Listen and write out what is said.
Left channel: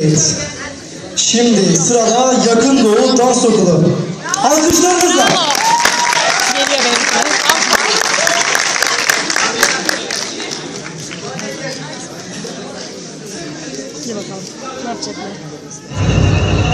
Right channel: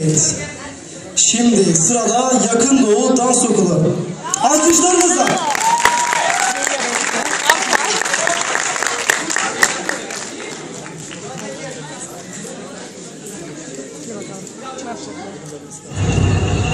Evet. Şimdi sırada Yakın Doğu Dans Okulu. Alkışlarınızla. Geliyor benim. Hadi bakalım. Ne yapacaklar?